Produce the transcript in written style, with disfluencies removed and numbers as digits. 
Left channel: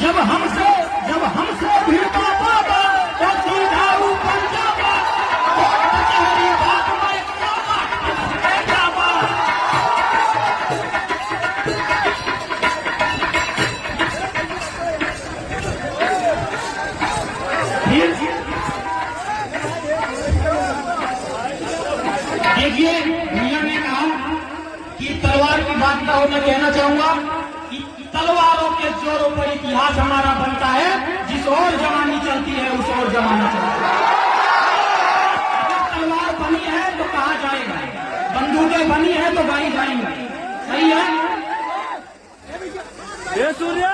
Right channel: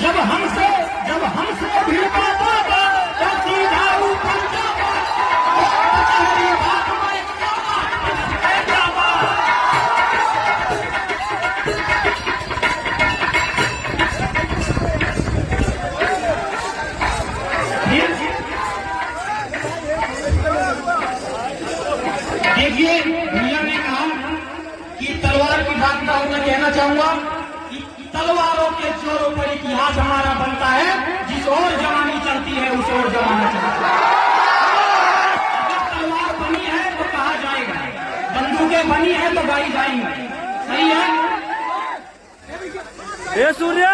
जब हमसे भिड़ता बाबा तो दुधारू बन जावा। तेरी बात मैं जावा। देखिए भैया ने कहा कि तलवार की बात का मैं कहना चाहूंगा कि तलवारों के जोरों पर इतिहास हमारा बनता है। जिस और जमानी चलती है उस और जमाना चलता है। तलवार बनी है तो कहा जाएगा, बंदूकें बनी है तो गाड़ी जाएंगी। सही है। सूर्या